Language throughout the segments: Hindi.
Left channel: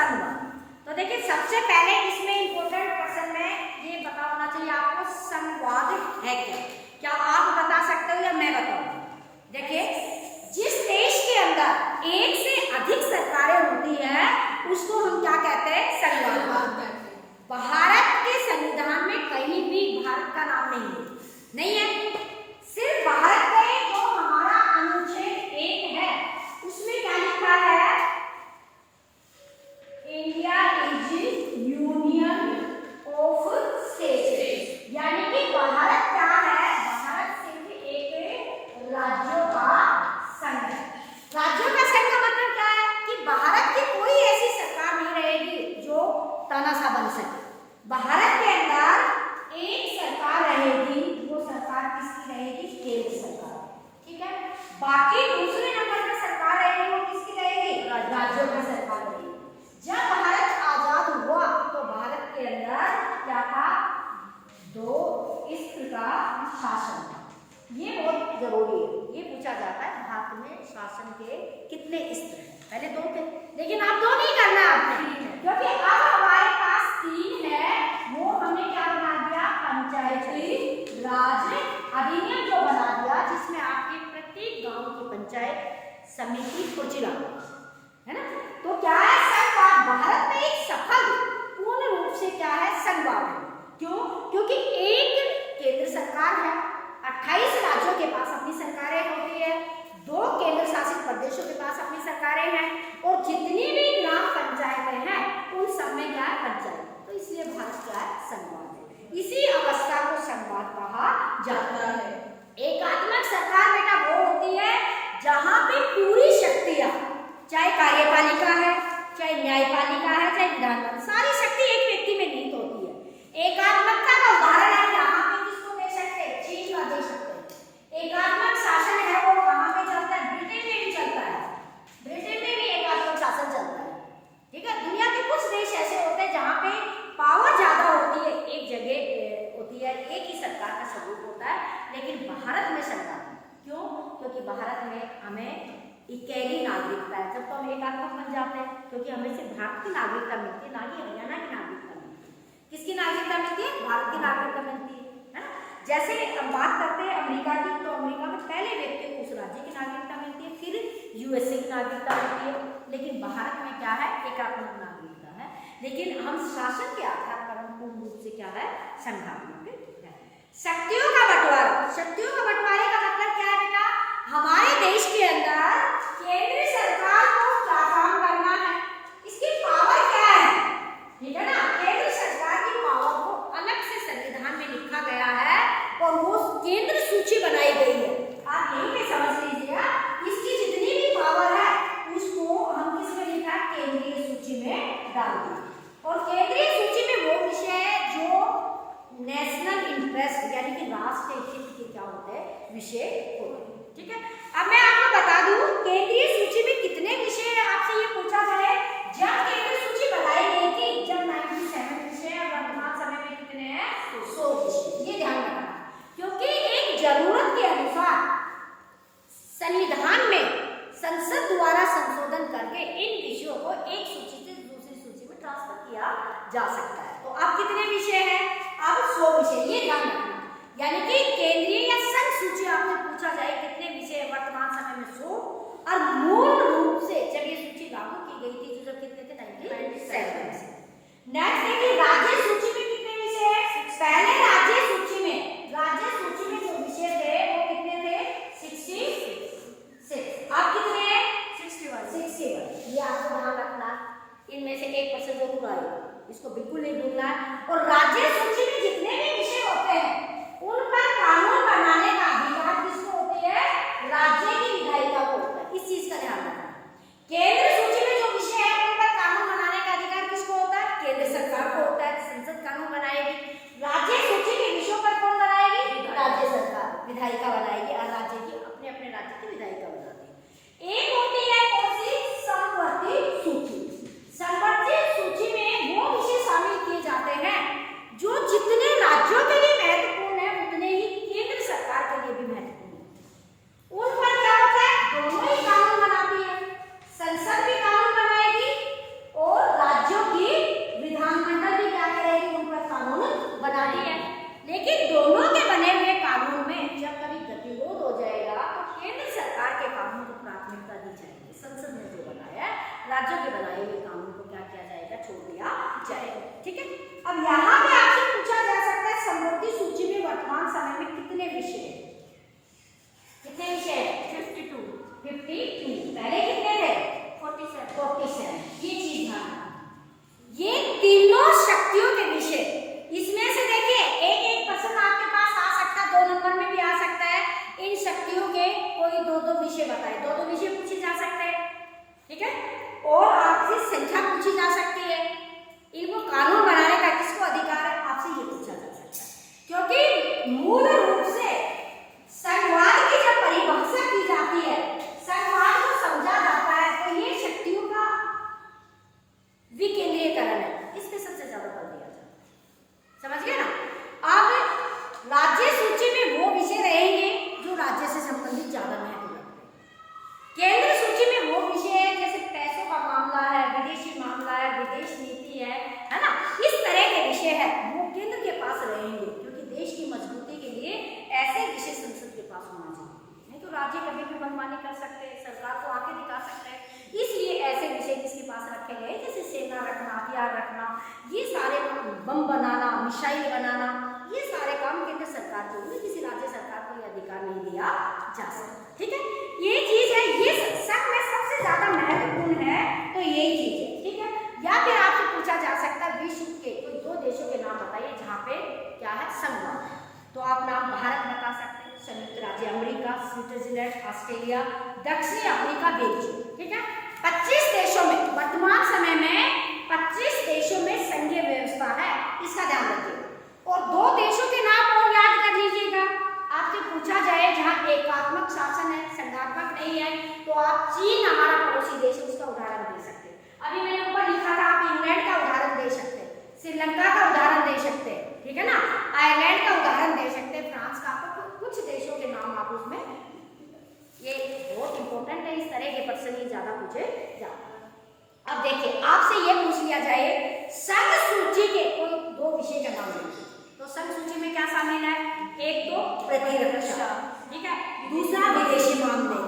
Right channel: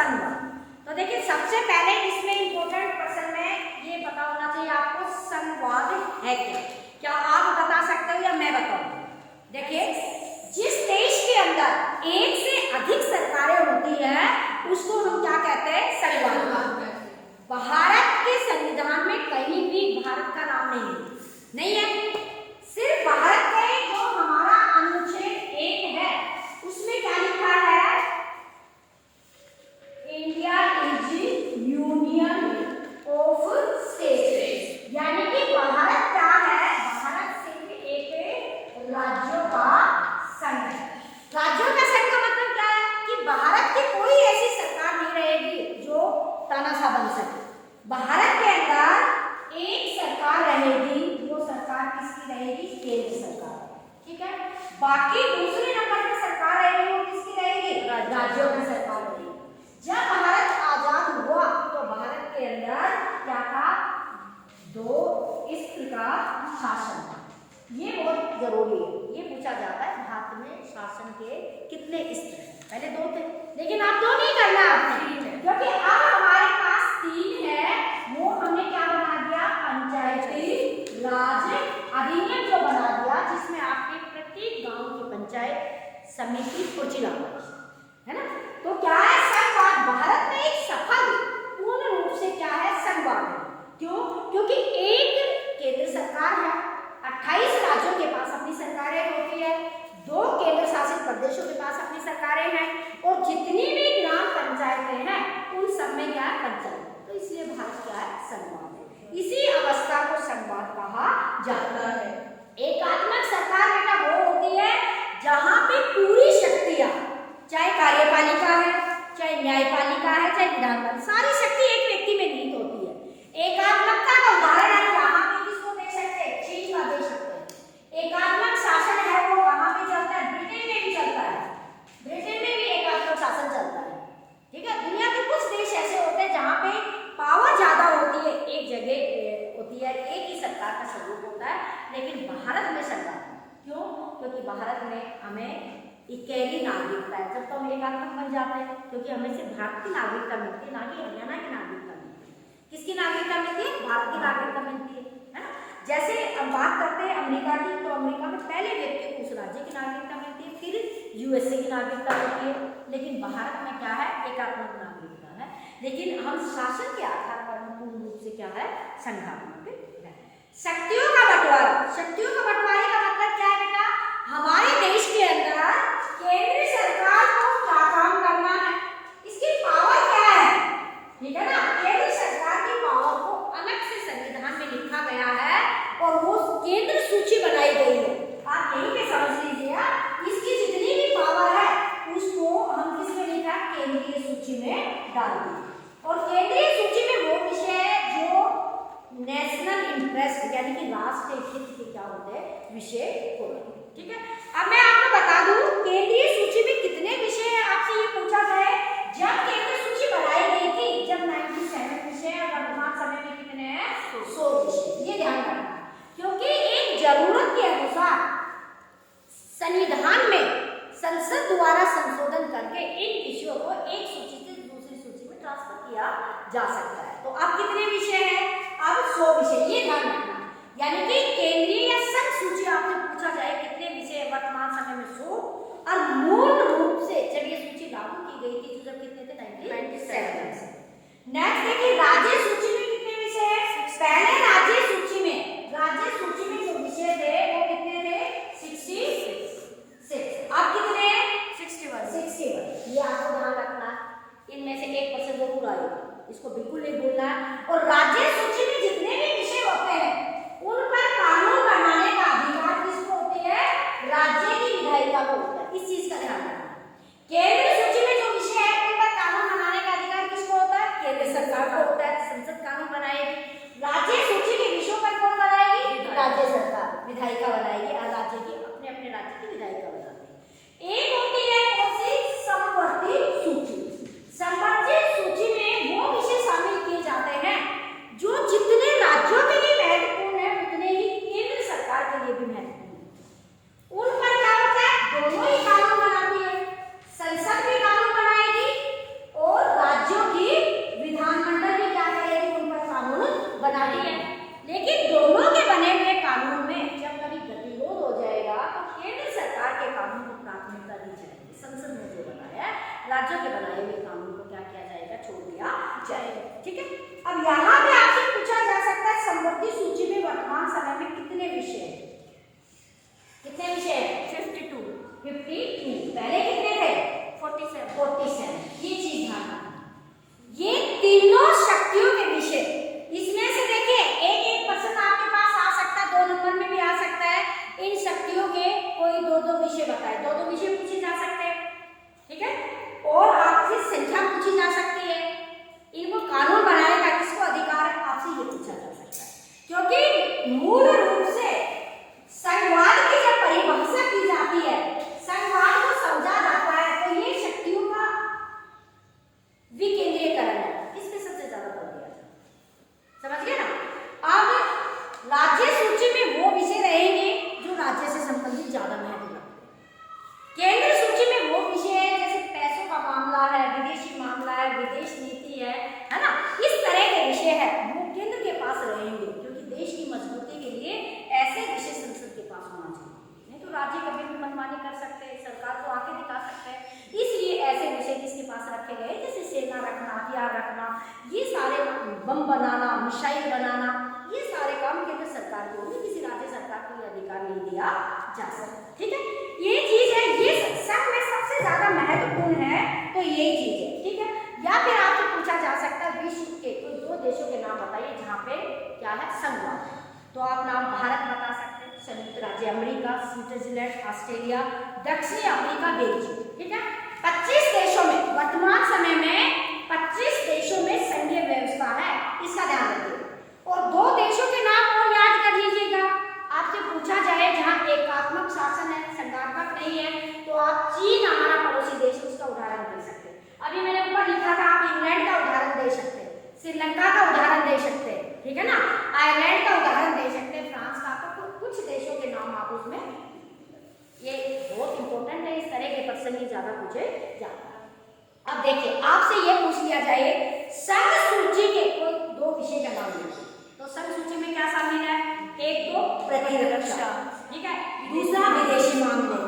संघवाद। तो देखिए सबसे पहले इसमें इंपॉर्टेंट क्वेश्चन में ये पता होना चाहिए आपको संघवाद है क्या। क्या आप बता सकते हो या मैं बताऊं? देखिए जिस देश के अंदर एक से अधिक सरकारें होती है उसको हम क्या कहते हैं? संघवाद। भारत के संविधान में कहीं भी भारत का नाम नहीं है। सिर्फ भारत के जो हमारा अनुच्छेद 1 है उसमें क्या लिखा है? India is union of states, यानी कि भारत क्या है? भारत सिर्फ एक राज्यों का संघ है। राज्यों का संघ का मतलब क्या है? कि भारत की कोई ऐसी सरकार नहीं रहेगी जो तानाशाह बन सके। भारत के अंदर एक सरकार रहेगी, वो सरकार किसकी रहेगी? केंद्र सरकार, ठीक है। बाकी दूसरे नंबर पे सरकार रहेगी वो किसकी रहेगी? राज्यों की सरकार रहेगी। जब भारत आजाद हुआ तो भारत के अंदर क्या था? 2 स्तर का शासन था। ये बहुत जरूरी है, ये पूछा जाता है भारत में शासन के कितने स्तर हैं? पहले 2 थे, लेकिन अब 2 नहीं करना आपने, क्योंकि अब हमारे पास 3 है। वो हमने क्या बना दिया? पंचायती राज अधिनियम जो बना दिया, जिसमें आपके प्रत्येक गांव की पंचायत समिति को जिला है ना। तो क्या है? संघवाद भारत में एक सफल पूर्ण रूप से क्या है? संघवाद है। क्यों? क्योंकि एक केंद्र सरकार है, 28 राज्यों के पास अपनी सरकारें होती है, 2 केंद्र शासित प्रदेशों के पास अपनी सरकारें हैं, और जितनी भी ग्राम पंचायतें हैं उन सब में क्या है? पंचायत। तो इसलिए भारत क्या है? संघवाद है। इसी अवस्था को संघवाद कहा जाता है। एकात्मक सरकार बेटा वो होती है जहां पे पूरी शक्तियां, चाहे कार्यपालिका है, चाहे न्यायपालिका है, चाहे विधानपालिका, सारी शक्ति एक व्यक्ति में निहित होती है। एकात्मकता का उदाहरण है यहाँ पे किसको दे सकते हैं? चीन का दे सकते हैं। एकात्मक शासन है वो कहाँ पे चलता है? ब्रिटेन में भी चलता है। ब्रिटेन में भी एकात्मक शासन चलता है, ठीक है। दुनिया के कुछ देश ऐसे होते हैं जहाँ पे पावर ज्यादा होती है, एक जगह होती है, एक ही सरकार का स्वरूप होता है, लेकिन भारत में सरकार क्यों? क्योंकि भारत में हमें इकेली नागरिकता है। जब तो हम एकात्मक बन जाते हैं, क्योंकि हमें सिर्फ भारत की नागरिकता मिलती है, ना कि हरियाणा की नागरिकता मिलती है। किसकी नागरिकता मिलती है? भारत की नागरिकता मिलती है ना। जैसे हम बात करते हैं अमेरिका की, तो अमेरिका में पहले व्यक्ति को उस राज्य की नागरिकता मिलती है, फिर यूएसए की नागरिकता मिलती है। लेकिन भारत में क्या है? एकात्मक नागरिकता है, लेकिन हम शासन के आधार पर हम पूर्ण रूप से क्या है? संघात्मक है। शक्तियों का बंटवारा। शक्तियों का बंटवारे का मतलब क्या है बेटा? हमारे देश के अंदर केंद्र सरकार को क्या काम करना है, इसकी पावर क्या है, ठीक है ना। केंद्र सरकार की पावर को अलग से संविधान में लिखा गया है और वो केंद्र सूची बनाई गई है। आप यही पे समझ लीजिए, इसकी जितनी भी पावर है उसको हम किसमें लिखा है? केंद्रीय सूची में डाल दिया। और केंद्रीय सूची में वो विषय है जो नेशनल इंटरेस्ट यानी कि राष्ट्रीय हित के क्या होते हैं? विषय होते हैं, ठीक है। अब मैं आपको बता दूं केंद्रीय सूची में कितने विषय हैं, आपसे ये पूछा जाए। जब केंद्रीय सूची बनाई गई थी, जब 97 विषय है, वर्तमान समय में कितने हैं? 100 विषय। ये ध्यान रखना, क्योंकि एक जरूरत के अनुसार संविधान में संसद द्वारा संशोधन करके इन विषयों को एक सूची से दूसरी सूची में ट्रांसफर किया जा सकता है। तो अब कितने विषय हैं? अब 100 विषय। ये ध्यान रखना, यानी कि केंद्रीय या संघ सूची आपसे पूछा जाए कितने विषय वर्तमान समय में 100, और मूल रूप से जब ये सूची लागू की गई थी तो कितने थे? 97। नेक्स्ट देखिए राज्य सूची में कितने विषय हैं? पहले राज्य सूची में जो विषय थे वो कितने थे? 66। अब कितने हैं? 61। ये आपको ध्यान रखना, इनमें से 1% जरूर आएगा, इसको बिल्कुल नहीं भूलना है। और राज्य सूची में जितने भी विषय होते हैं उन पर कानून बनाने का अधिकार किसको होती है? राज्य की विधायिका को होता है। इस चीज का ध्यान रखना। केंद्र सूची में जो विषय है उन पर कानून बनाने का अधिकार किसको होता है? केंद्र सरकार को होता है, संसद कानून बनाएगी। राज्य सूची के विषयों पर कौन बनाएगी? राज्य सरकार विधायिका बनाएगी, और राज्य की अपने अपने राज्य की विधायिका बनाएगी। एक होती है कौन सी? समवर्ती सूची। समवर्ती सूची में वो विषय शामिल किए जाते हैं जो जितने राज्यों के लिए महत्वपूर्ण है उतने ही केंद्र सरकार के लिए भी महत्वपूर्ण है। उन पर क्या होता है? दोनों ही कानून बनाती है, संसद भी कानून बनाएगी और राज्य दी जाएगी। संसद ने जो बनाया है, राज्यों के बनाए हुए कानून को क्या किया जाएगा, छोड़ दिया जाएगा। ठीक है, अब यहाँ पे आपसे पूछा जा सकता है समवर्ती सूची में वर्तमान समय में कितने विषय हैं? कितने विषय हैं? 52। पहले कितने थे? 47। ये चीज ध्यान रखना, ये तीनों शक्तियों के विषय। इसमें से देखिए एक प्रश्न आपके पास आ सकता है, 2 नंबर में भी आ सकता है। इन शक्तियों के कोई 2 विषय बताए, 2 विषय पूछे जा सकते हैं। ठीक है, और आपसे संख्या पूछी जा सकती है। इनको कानून बनाने का किसको अधिकार है, आपसे ये पूछा जा सकता है। क्योंकि मूल रूप से संघवाद की जब परिभाषा की जाती है, संघवाद को समझा जाता है, तो ये शक्तियों का विकेंद्रीकरण है। इस पे सबसे ज्यादा बल दिया जाता है, समझ गए ना। अब राज्य सूची में वो विषय रहेंगे जो राज्य से संबंधित ज्यादा महत्व रखते हैं। केंद्र सूची में वो विषय है जैसे पैसों का मामला है, विदेशी मामला है, विदेश नीति है ना, इस तरह के विषय है, वो केंद्र के पास रहेंगे। क्योंकि देश की मजबूती के लिए ऐसे विषय संसद के पास होना चाहिए, नहीं तो राज्य कभी भी मनमानी कर सकते हैं, सरकार को आके दिखा सकते हैं। इसलिए ऐसे विषय जिसके पास रखे गए, जैसे सेना रखना, हथियार रखना, ये सारे बम बनाना, मिसाइल बनाना, ये सारे काम केंद्र सरकार के होंगे, किसी राज्य सरकार को ये अधिकार नहीं दिया जा सकता। ठीक है, ये चीज है, ये सब में सबसे ज्यादा महत्वपूर्ण है, तो यही चीज है। ठीक है, या फिर आपको पूछा जा सकता है विश्व के कोई 2 देशों के नाम बताइए जहाँ पे क्या है, संघवाद। तो आप नाम भारत बता सकते हैं, संयुक्त राज्य अमेरिका, स्विट्जरलैंड, ऑस्ट्रेलिया, दक्षिण अफ्रीका, बेल्जियम। ठीक है, 25 देशों में, वर्तमान समय में 25 देशों में संघीय व्यवस्था है, इसका ध्यान रखिए। और 2 देशों के नाम और याद कर लीजिएगा। आपसे पूछा जाए जहाँ एकात्मक शासन है, संघात्मक नहीं है, तो आप चीन हमारा पड़ोसी देश, उसका उदाहरण दे सकते हैं। अभी मैंने ऊपर लिखा था, आप इंग्लैंड का उदाहरण दे सकते हैं, श्रीलंका का उदाहरण दे सकते हैं, ठीक है ना, आयरलैंड का उदाहरण दे सकते हैं, फ्रांस का। तो कुछ देशों के नाम आप उसमें, ये बहुत इंपॉर्टेंट है, इस तरह के प्रश्न ही ज्यादा पूछे जाते हैं। अब देखिए, आपसे ये पूछ लिया जाए संघ सूची के कोई 2 विषय का नाम लीजिए, तो संघ सूची में क्या शामिल है? एक तो प्रतिरक्षा, ठीक है, दूसरा विदेशी मामले,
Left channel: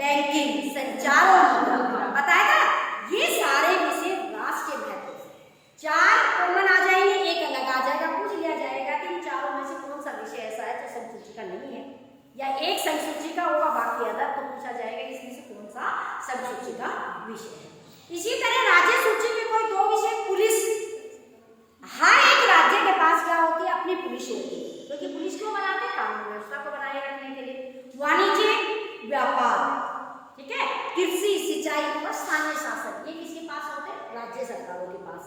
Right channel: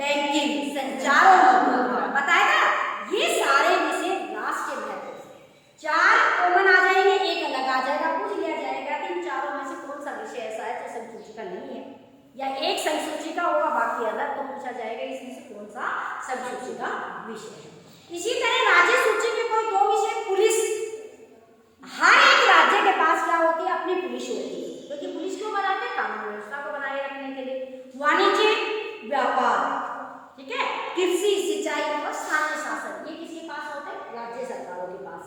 बैंकिंग, संचार और मुद्रा, बताया ना। ये सारे विषय राष्ट्र के महत्व से 4 कॉमन आ जाएंगे, एक अलग आ जाएगा। पूछ लिया जाएगा कि इन चारों में से कौन सा विषय ऐसा है जो संघ सूची का नहीं है, या एक संघ सूची का होगा बाकी अलग, तो पूछा जाएगा इसमें से कौन सा संघ सूची का विषय है। इसी तरह राज्य सूची में कोई 2 विषय, पुलिस, हर एक राज्य के पास क्या होती है, अपनी पुलिस होती है, क्योंकि पुलिस क्यों बनाते हैं, कानून व्यवस्था को बनाए रखने के लिए। वाणिज्य, व्यापार, ठीक है, कृषि, सिंचाई और स्थानीय शासन, ये किसके पास होते हैं, राज्य सरकारों के पास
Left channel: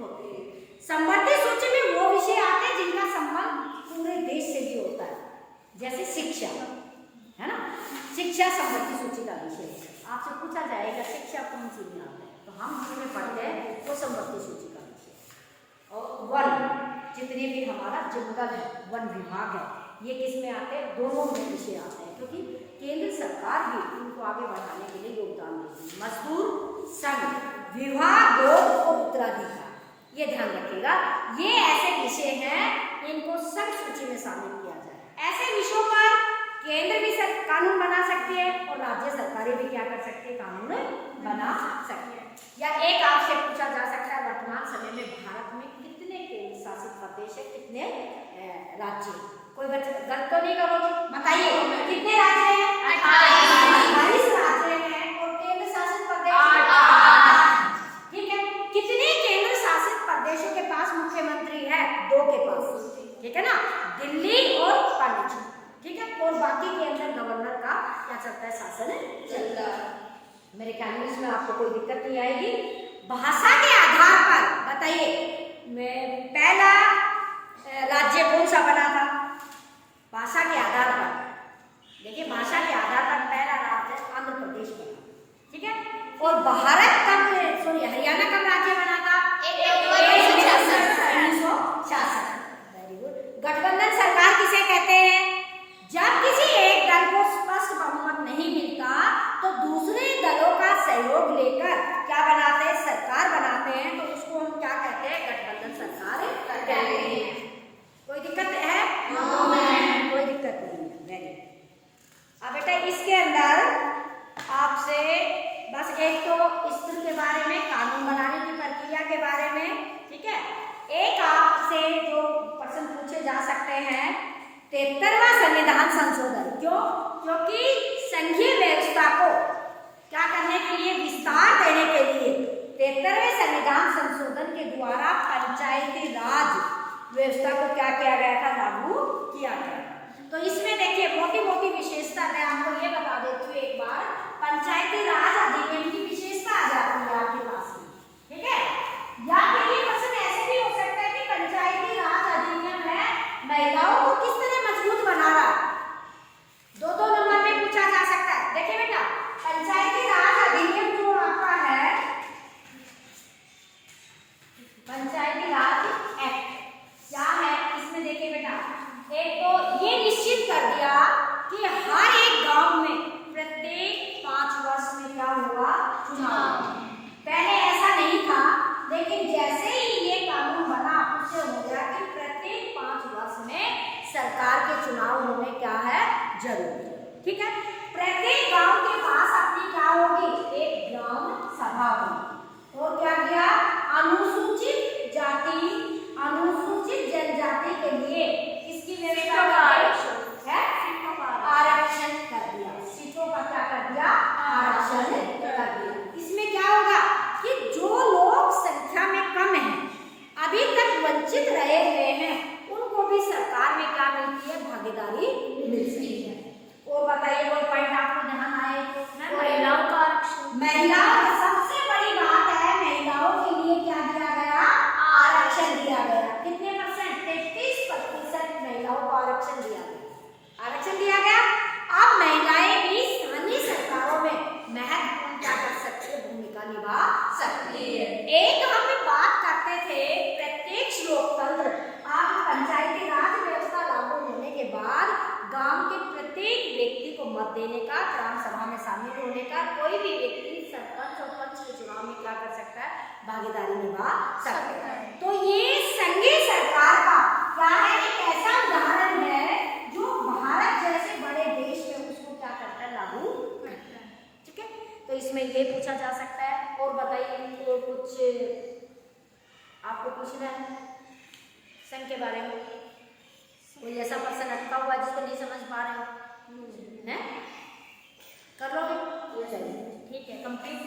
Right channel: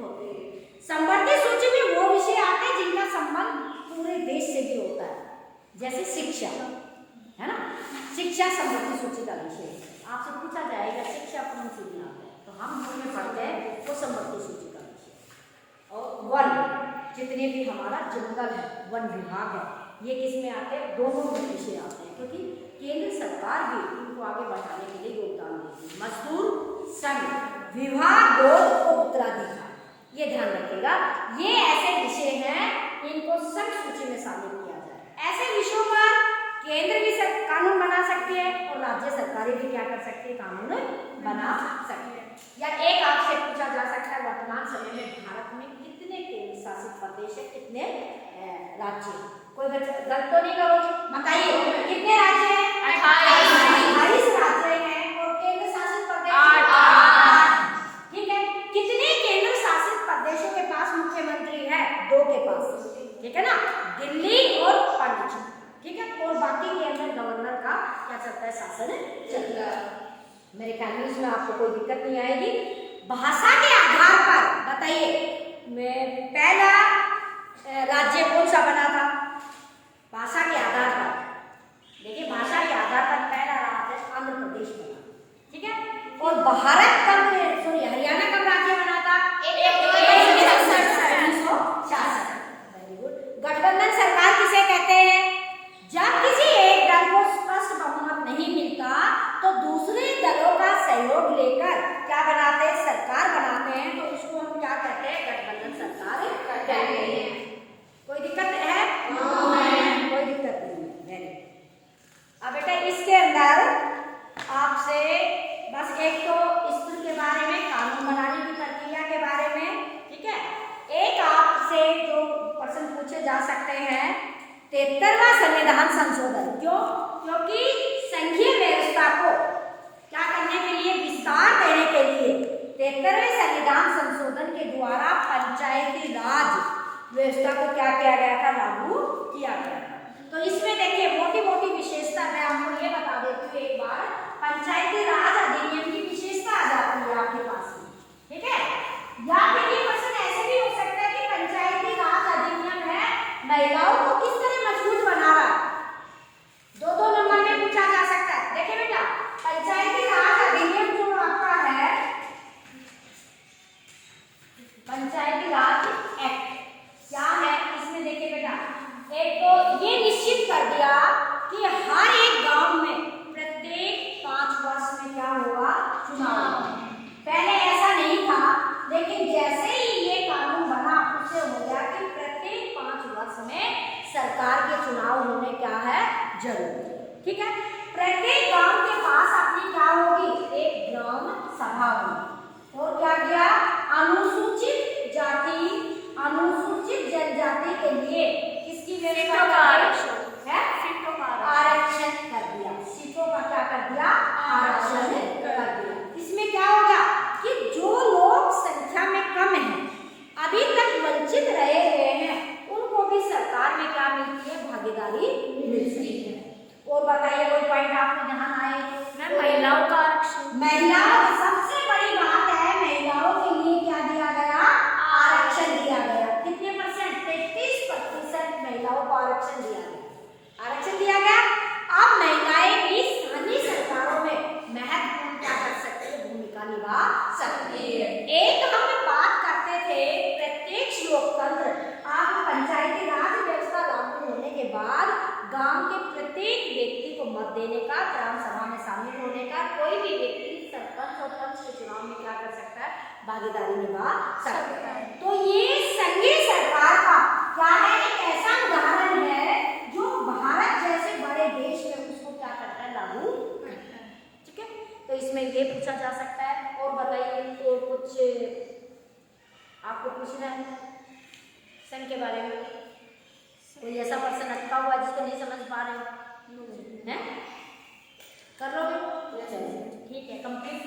होते हैं। समवर्ती सूची में वो विषय आते हैं जिनका संबंध पूरे देश से भी होता है, जैसे शिक्षा, है ना, शिक्षा समवर्ती सूची का विषय है। आपसे पूछा जाएगा शिक्षा कौन सी बनाते हैं, तो हम जिसमें पढ़ते हैं वो समवर्ती सूची का विषय। और वन, जितने भी हमारा जंगल है, वन विभाग है, ये किस में आते हैं, दोनों में विषय आते हैं, क्योंकि केंद्र सरकार भी इनको आगे बढ़ाने के लिए योगदान देती है। मजदूर, संघ, विवाह, गोद और उत्तराधिकार, ये ध्यान रखिएगा, ये ऐसे विषय हैं, इनको संघ सूची में शामिल किया जाए। ऐसे विषयों पर केंद्र भी कानून बना सकती है और राज्य सरकारें भी क्या कर सकती है, कानून बना सकती है। या एक आपसे पूछा जा सकता है, वर्तमान समय में भारत में कितने केंद्र शासित प्रदेश है, कितने राज्य? कोई गलत तो नहीं करो, बताइए कितने राज्य हैं? 28 राज्य हैं और केंद्र शासित प्रदेश 8। ठीक है, कितने केंद्र शासित प्रदेशों के पास मुख्यमंत्री है? 2 के पास, ठीक है ना, दिल्ली और पांडिचेरी, ठीक है, और बाकी के अंदर गवर्नर का क्या चलता है, शासन चलता है। मेरे ख्याल में इसमें आपको कोई दिक्कत नहीं आएगी। भाषा के आधार पर बताइए, पहला राज्य कौन सा बना था? भाषा के आधार पर देखिए, भाषा के आधार पर पहला राज्य आंध्र प्रदेश बना, ठीक है, और भारत कब, सॉरी, हरियाणा कब राज्य बना था? 1966। Very good. गठबंधन सरकार किसे कहते हैं? जब किसी एक दल को स्पष्ट बहुमत नहीं मिलता तो दूसरे दलों का सहयोग लेकर क्या बनाते हैं, सरकार बनाते हैं, तो उसको हम क्या कहते हैं, गठबंधन सरकार कहते हैं। कोई दिक्कत है? कोई दिक्कत नहीं है। Very good. अब बेटा इसके अंदर आपसे एक तो स्कूल के बारे में, कानून बनाने की प्रक्रिया के बारे में, ठीक है। एक आपसे जो प्रश्न पूछे जा सकते हैं, 73वां संविधान संशोधन, क्योंकि संघीय व्यवस्था को क्या करने के लिए, विस्तार देने के लिए 73वें संविधान संशोधन के द्वारा पंचायती राज व्यवस्था को क्या किया गया था, लागू किया गया था। तो इसमें देखिए मोटी मोटी विशेषता मैं आपको ये बता देती हूँ एक बार। पंचायती राज अधिनियम की विशेषता आ जाती है आपके पास में, ठीक है। या फिर ये क्वेश्चन ऐसे भी हो सकता है कि पंचायती राज अधिनियम है महिलाओं को किस तरह मजबूत बना रहा है, दो नंबर में पूछा जा सकता है। देखिए बेटा, पंचायती राज अधिनियम जो आपका है, पंचायती राज एक्ट क्या है, इसमें देखिए बेटा, एक तो ये निश्चित कर दिया कि हर एक गांव में प्रत्येक 5 वर्ष में क्या होगा, चुनाव। पहले ऐसा नहीं था, लेकिन जैसे ही ये कानून बना उससे हो गया कि प्रत्येक 5 वर्ष में सरकार के चुनाव होने क्या है, जरूरी, ठीक है। प्रत्येक गांव के पास अपनी क्या होगी, एक ग्राम सभा होगी। और क्या किया, अनुसूचित जाति, अनुसूचित जनजाति के लिए किसकी व्यवस्था है, आरक्षण कर दिया। सीटों का क्या कर दिया, आरक्षण कर दिया। इसमें क्या होगा कि जो लोग संख्या में कम हैं, अभी तक वंचित रहे हुए हैं, उनको भी सरकार में क्या मिलती है, भागीदारी मिलती है। और बताइए कोई पॉइंट आपको ध्यान आए, महिलाओं का आरक्षण, महिलाओं की सबसे बड़ी बात है, महिलाओं के लिए क्या दिया गया, आरक्षण दिया गया। कितने परसेंट, 33% महिलाओं को आरक्षण दिया गया, आरक्षण दिया गया। अब महिलाएं भी स्थानीय सरकारों में महत्वपूर्ण क्या कर सकती है, भूमिका निभा सकती है। एक हम बात करते थे प्रत्यक्ष लोकतंत्र, आप पंचायती राज व्यवस्था लागू होने के बाद गांव के प्रत्येक व्यक्ति को मत देने का, ग्राम सभा में शामिल होने का, कोई भी व्यक्ति सरपंच और पंच के चुनाव में क्या कर सकता है, भागीदारी निभा सकता है। तो ये संघीय सरकार का क्या है, एक ऐसा उदाहरण है जो भारत जैसे बड़े देश में उसको क्या करता है, लागू करता है, ठीक है। तो इसमें ये पूछा जा सकता है। और बताइए तो कुछ आपको पूछना है संघ के बारे में, कोई ऐसा प्रश्न अटका हुआ जिसको नहीं समझ पा रहे हो, हैं, कर लो, चलिए ठीक है, कंप्लीट।